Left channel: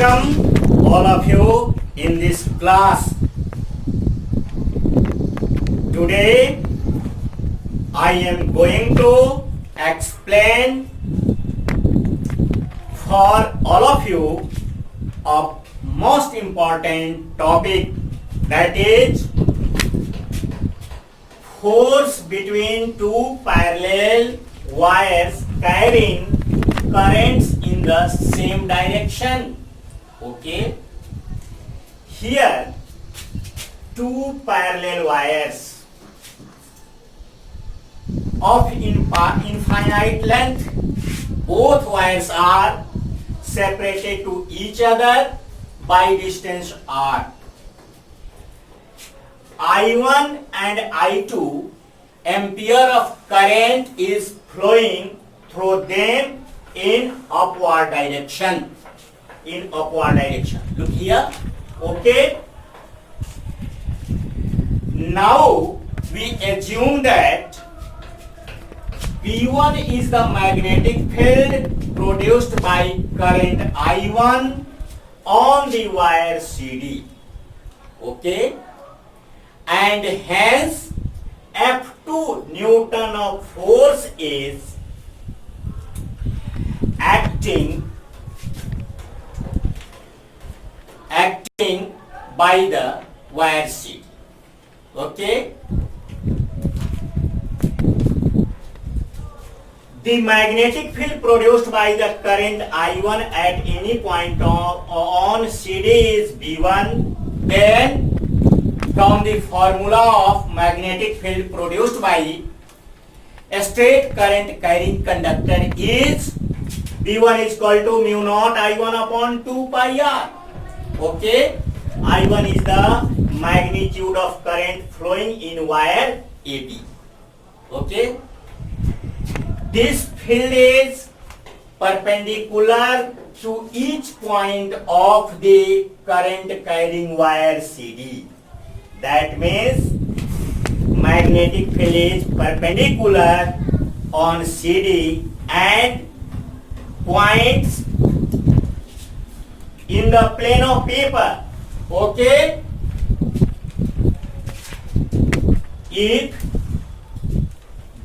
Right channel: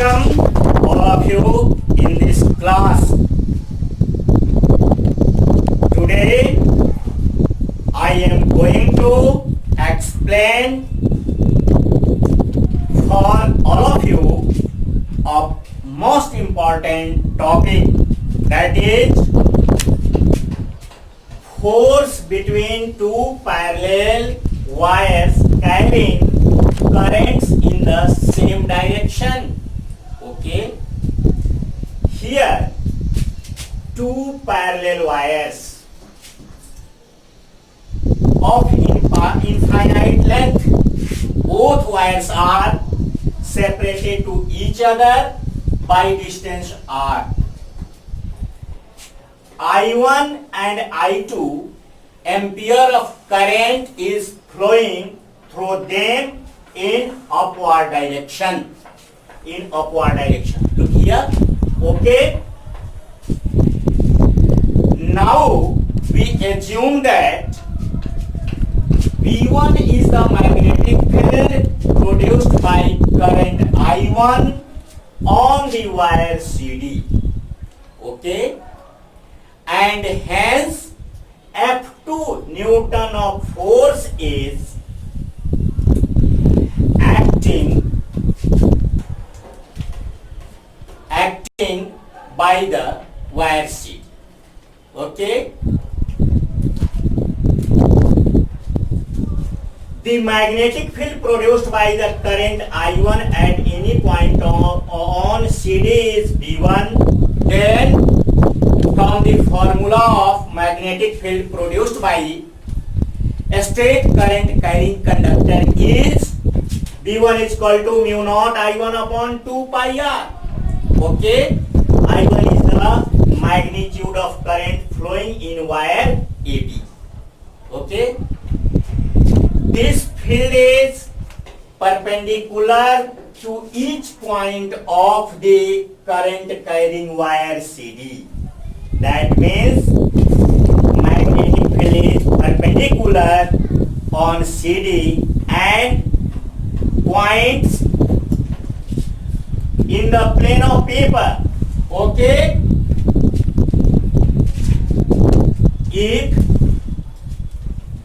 welcome all of you in this class. Today I am going to explain for all of you a most important topic, that is force between two parallel wires carrying currents in the same direction. Okay, here two parallel wires of infinite length. Both wires are separated to each other by distance r. I1 and I2 ampere of current is flowing through them in upward direction. Look here. Okay. Now we assume that V1 is the magnetic field produced by current I1 on the wire CD. Okay. And hence F2 Newton of force is acting by the wire CD. Okay. The magnetic field produced by the current I1 at any point on CD is V1. Then from the formula of magnetic field produced by a straight current carrying conductor is V1 is equal to mu naught I1 upon 2 pi r. Okay, I1 is the magnitude of current flowing in wire AB. Okay, this field is perpendicular to each point of the current carrying wire CD. That means magnetic field is perpendicular on CD and points in the plane of paper. Okay, if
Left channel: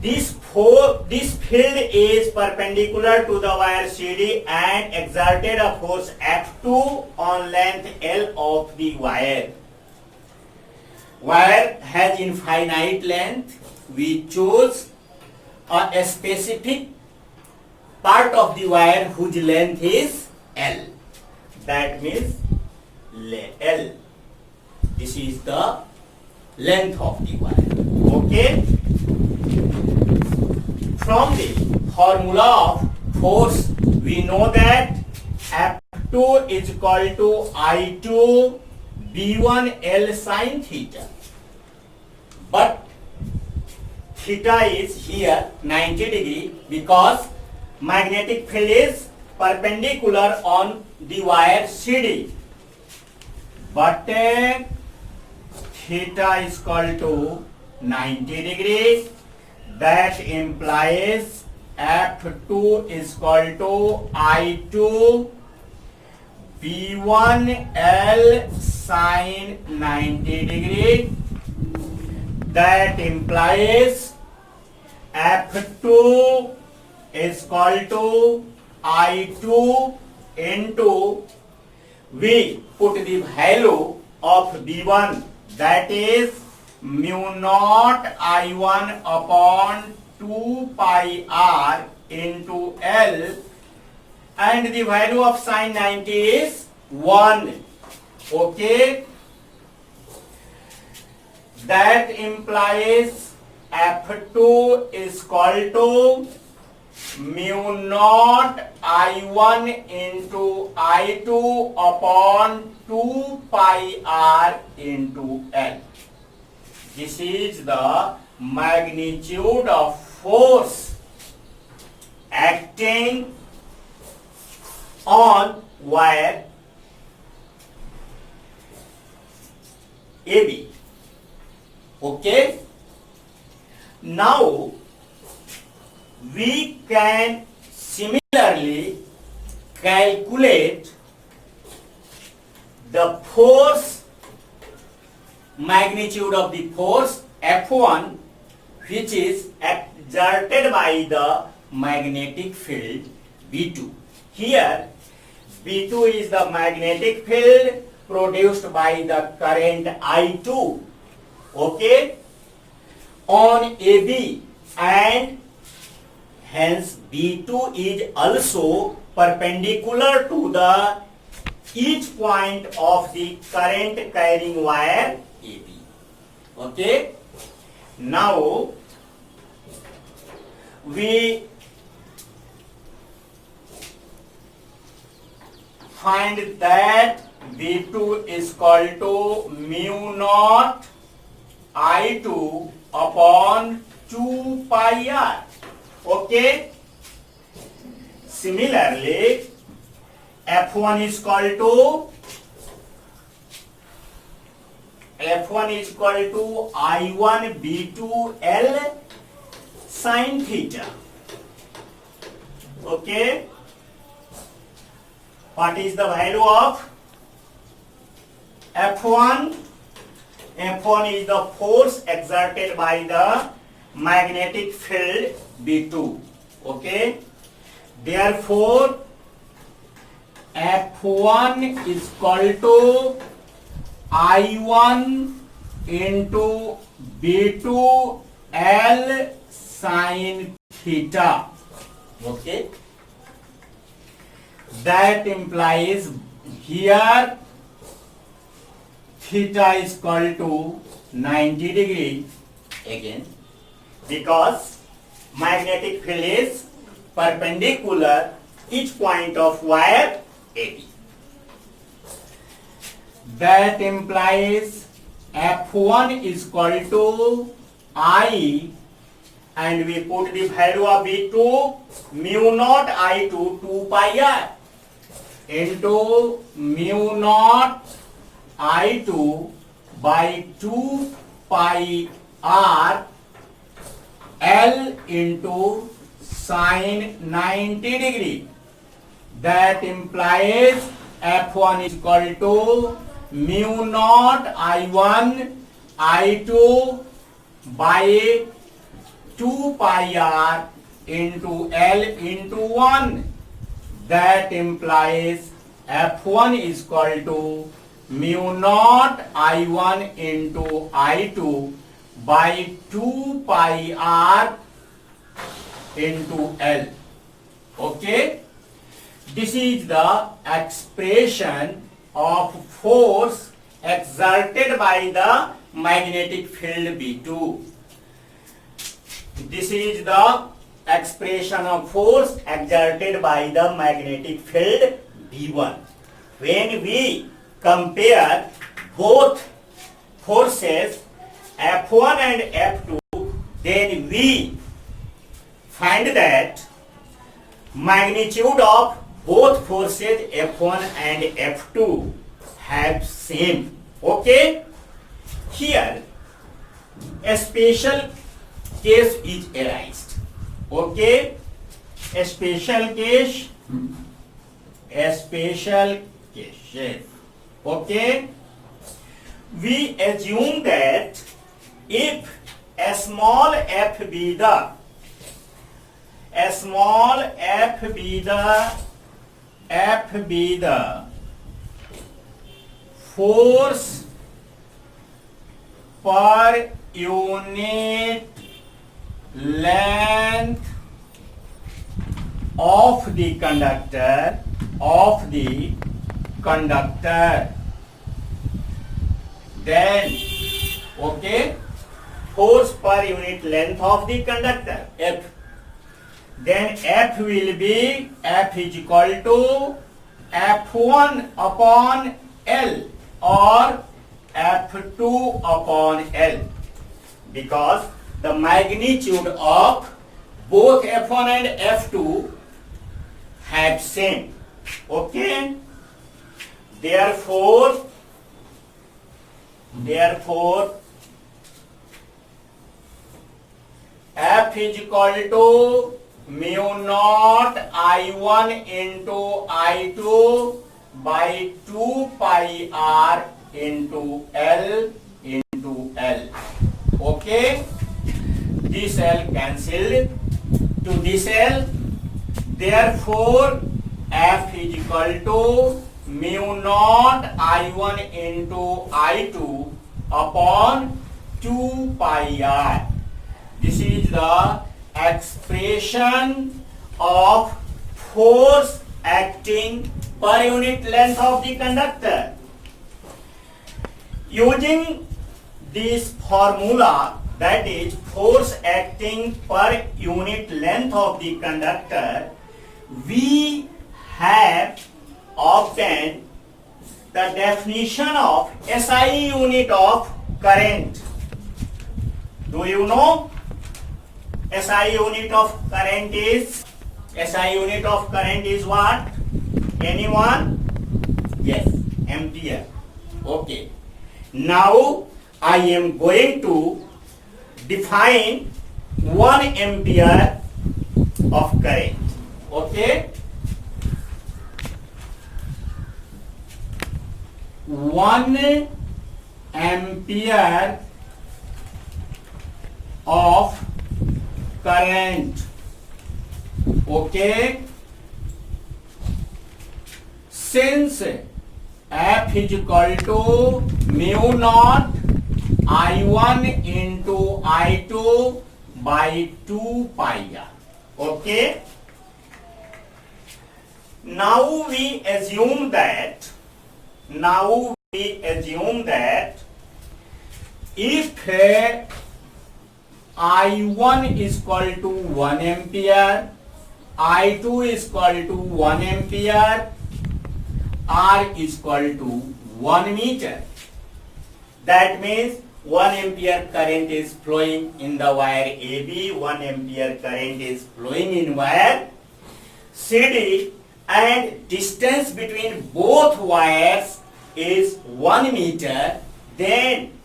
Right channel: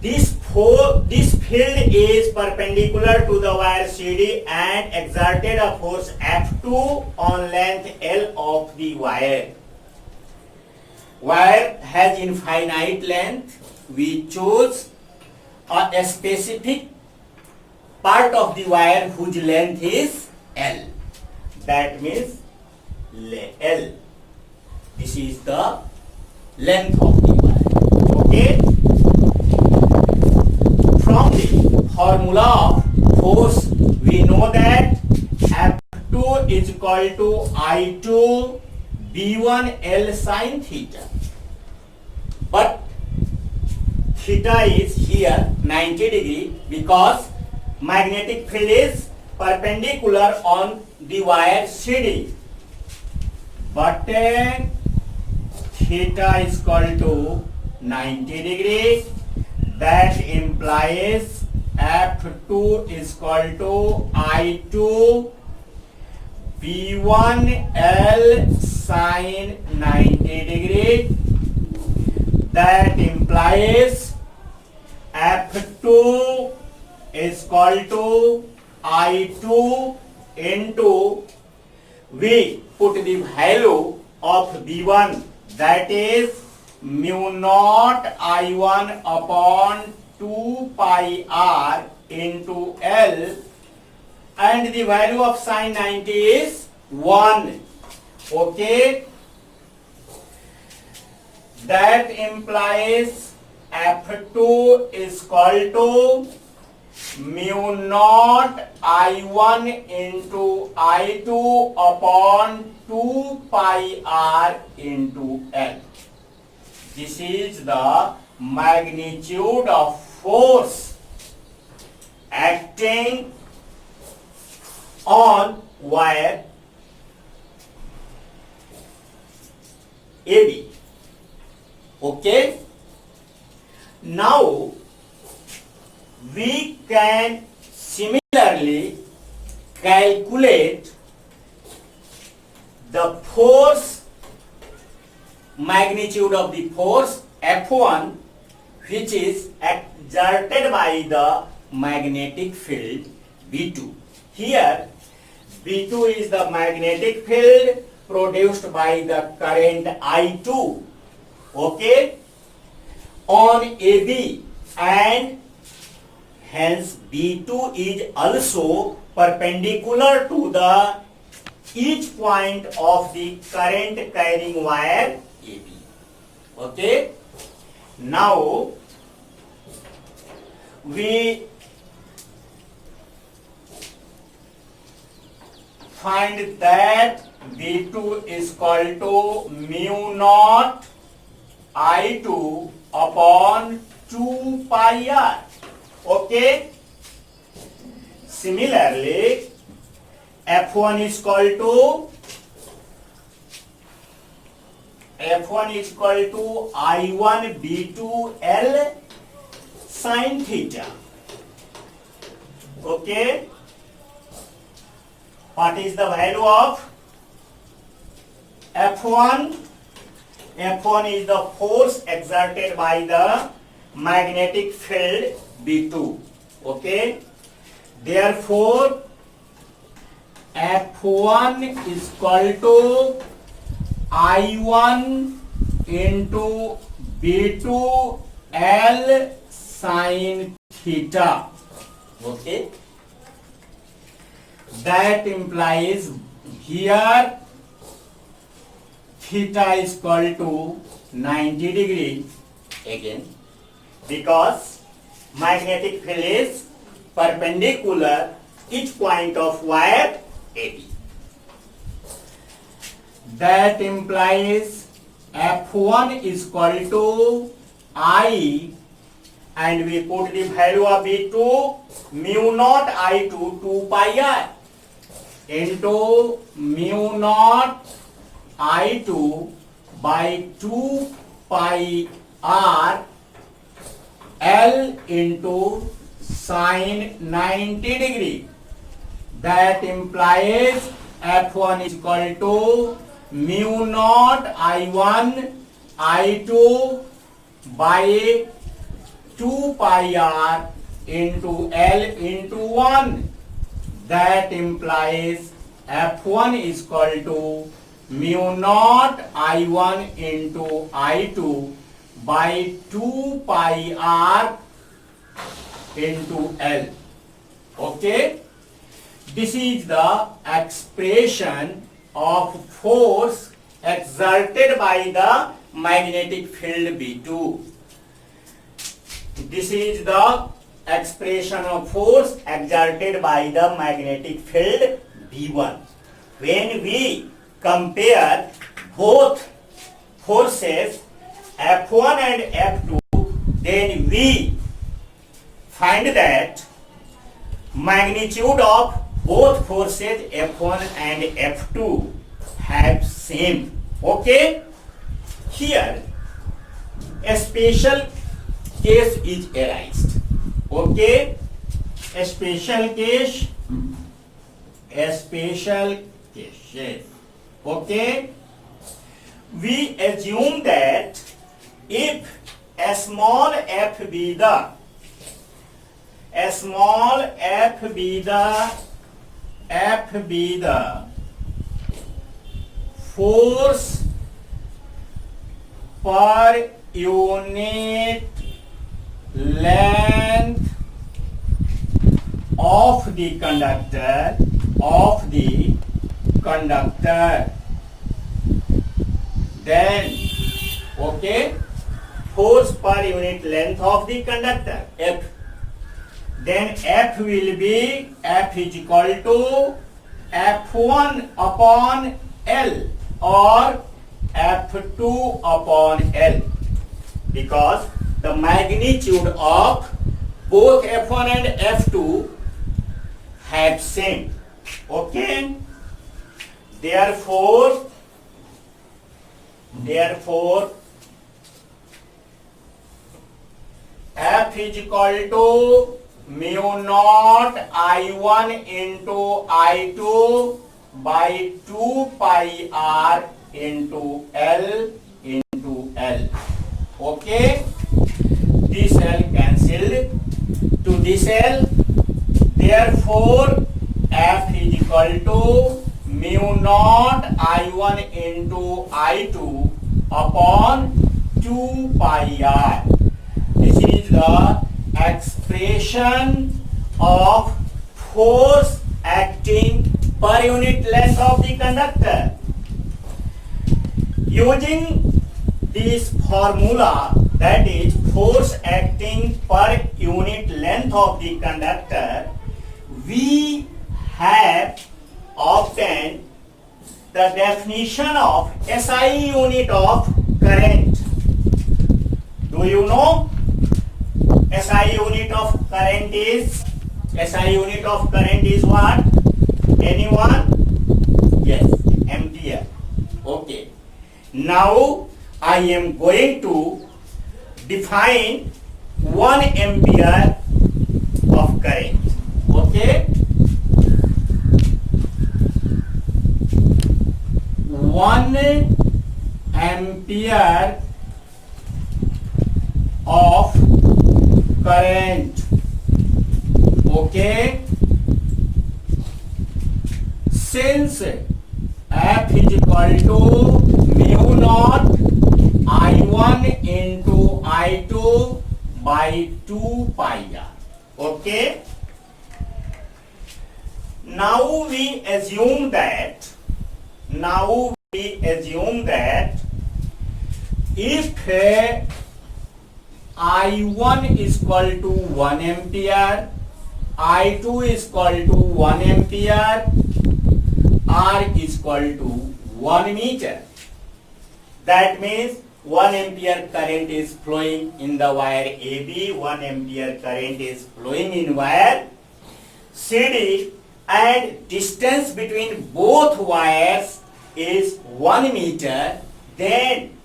this field is perpendicular to the wire CD and exerted a force F2 on length L of the wire. Wire has infinite length. We choose a specific part of the wire whose length is L. That means L. This is the length of the wire. Okay. From the formula of force, we know that F2 is equal to I2 B1 L sin theta. But theta is here 90 degree because magnetic field is perpendicular on the wire CD. But theta is equal to 90 degree. That implies F2 is equal to I2 B1 L sin 90 degree. That implies F2 is equal to I2 into, we put the value of B1, that is mu naught I1 upon 2 pi r into L, and the value of sin 90 is 1. Okay, that implies F2 is equal to mu naught I1 into I2 upon 2 pi r into L. This is the magnitude of force acting on wire AB. Okay. Now we can similarly calculate the force magnitude of the force F1 which is exerted by the magnetic field V2. Here V2 is the magnetic field produced by the current I2, okay, on AB, and hence V2 is also perpendicular to the each point of the current carrying wire AB. Okay. Now we find that V2 is equal to mu naught I2 upon 2 pi r. Okay. Similarly, F1 is equal to I1 B2 L sin theta. Okay. What is the value of F1? F1 is the force exerted by the magnetic field B2. Okay. Therefore, F1 is equal to I1 into B2 L sin theta. Okay. That implies here theta is equal to 90 degrees again, because magnetic field is perpendicular each point of wire AB. That implies F1 is equal to I, and we put the value of V2 mu naught I to 2 pi r into mu naught I2 by 2 pi r L into sine 90 degree. That implies F1 is equal to mu naught I1 I2 by 2 pi r into L into 1. That implies F1 is equal to mu naught I1 into I2 by 2 pi r into L. Okay. This is the expression of force exerted by the magnetic field B2. This is the expression of force exerted by the magnetic field B1. When we compare both forces F1 and F2, then we find that magnitude of both forces F1 and F2 have same. Okay. Here a special case is arised. Okay. A special case. Yes. Okay. We assume that if a small f be the force per unit length of the conductor, then okay, force per unit length of the conductor F, then F will be F is equal to F1 upon L or F2 upon L, because the magnitude of both F1 and F2 have same. Okay. Therefore F is equal to mu naught I1 into I2 by 2 pi r into L into L. Okay, this L cancelled to this L, therefore F is equal to mu naught I1 into I2 upon 2 pi r. This is the expression of force acting per unit length of the conductor. Using this formula, that is force acting per unit length of the conductor, we have obtained the definition of SI unit of current. Do you know SI unit of current is what? Anyone? Yes, ampere. Okay. Now I am going to define 1 ampere of current. Okay. 1 ampere of current. Okay. Since F is equal to mu naught I1 into I2 by 2 pi r. Okay. Now we assume that if I1 is equal to 1 ampere, I2 is equal to 1 ampere, R is equal to 1 meter. That means 1 ampere current is flowing in the wire AB, 1 ampere current is flowing in wire CD, and distance between both wires is 1 meter. Then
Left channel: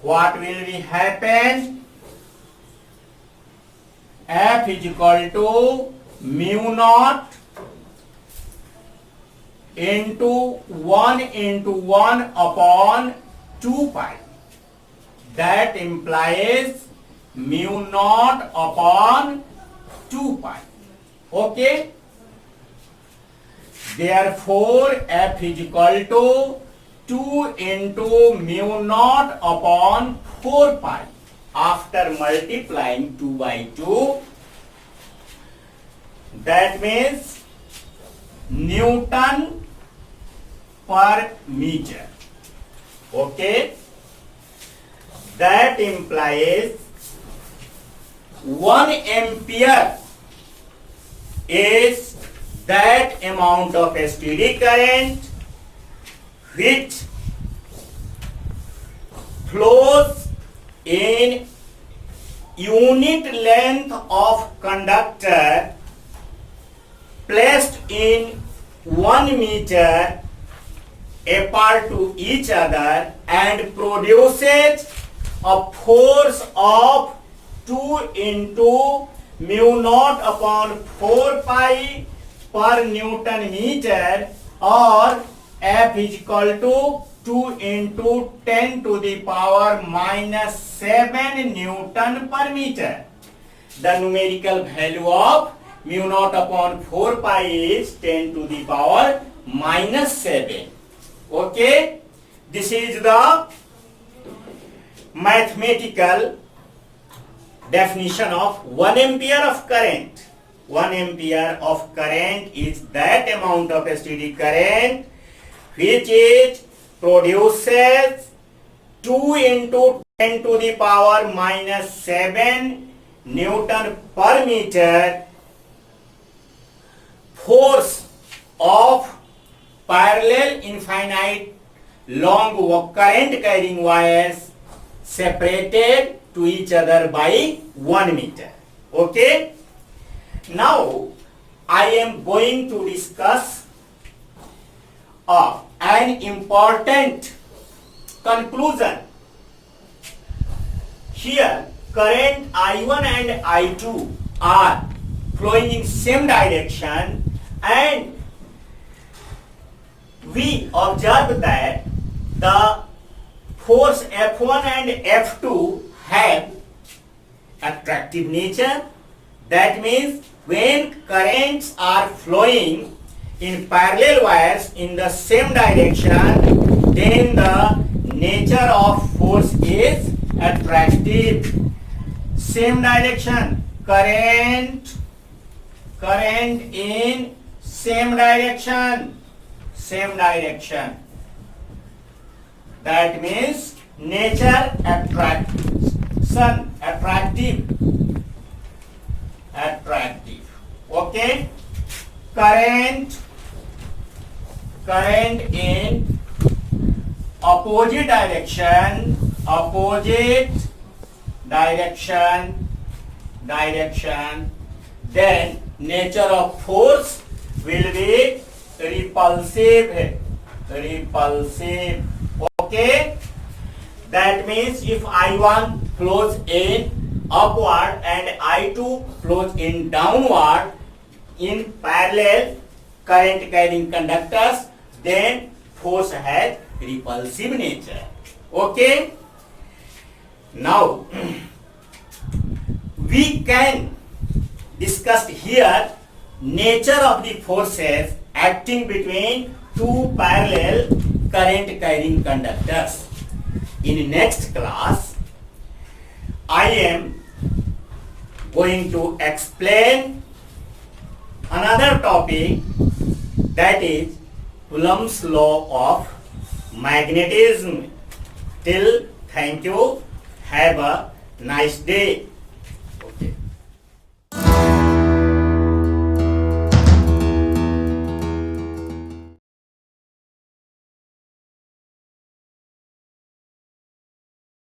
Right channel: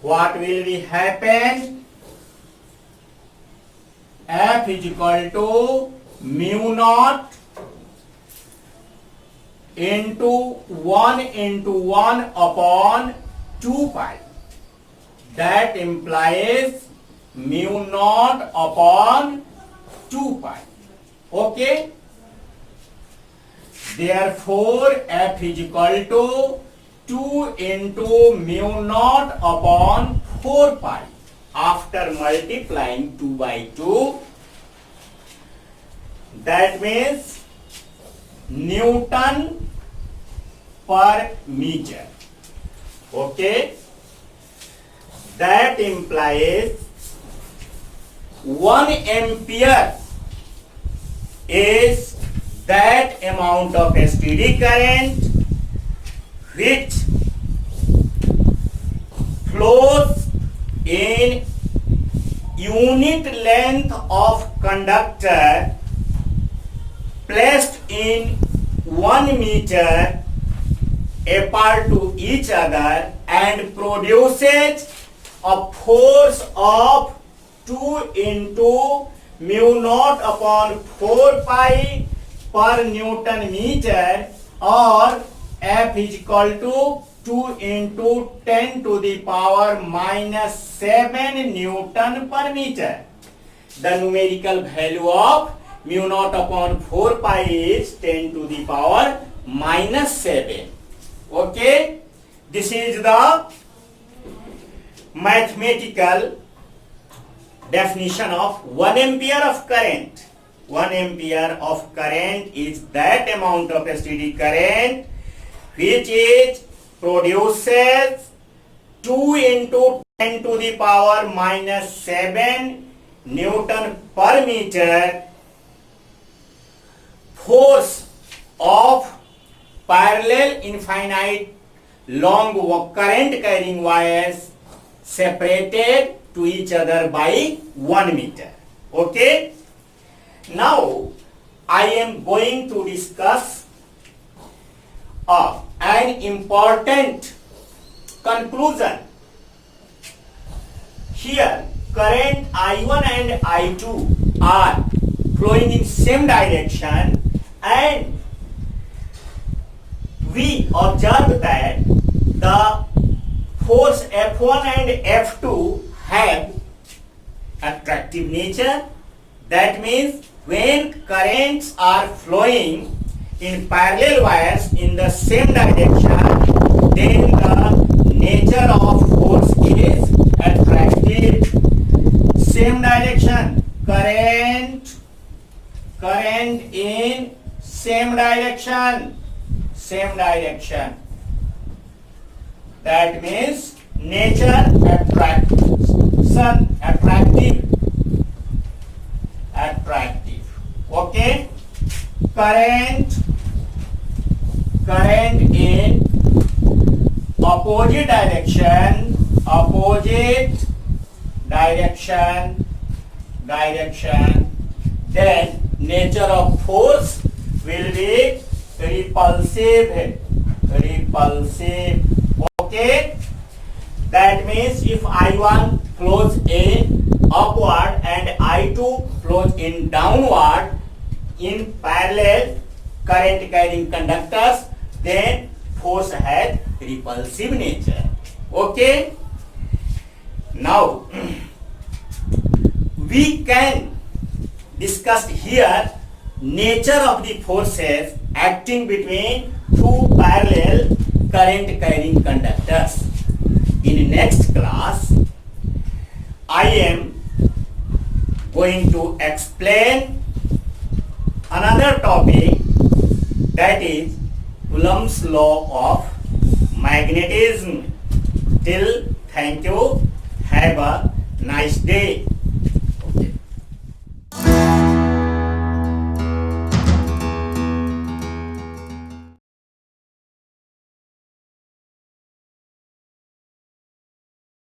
what will be happen? F is equal to mu naught into 1 upon 2 pi. That implies mu naught upon 2 pi. Okay. Therefore, F is equal to 2 into mu naught upon 4 pi. After multiplying 2 by 2, that means Newton per meter. Okay. That implies 1 ampere is that amount of steady current which flows in unit length of conductor placed in 1 meter apart to each other and produces a force of 2 into mu naught upon 4 pi per Newton meter, or F is equal to 2 into 10 to the power minus 7 Newton per meter. The numerical value of mu naught upon 4 pi is 10 to the power minus 7. Okay, this is the mathematical definition of 1 ampere of current. 1 ampere of current is that amount of steady current which is produces 2 into 10 to the power minus 7 Newton per meter force of parallel infinite long current carrying wires separated to each other by 1 meter. Okay. Now I am going to discuss an important conclusion. Here current I1 and I2 are flowing in same direction, and we observe that the force F1 and F2 have attractive nature. That means when currents are flowing in parallel wires in the same direction, then the nature of force is attractive. Same direction, current in same direction. That means nature attractive. Okay, current in opposite direction, then nature of force will be repulsive. Okay, that means if I1 flows in upward and I2 flows in downward in parallel current carrying conductors, then force has repulsive nature. Okay, now we can discuss here nature of the forces acting between two parallel current carrying conductors. In next class, I am going to explain another topic, that is Coulomb's law of magnetism. Till thank you. Have a nice day.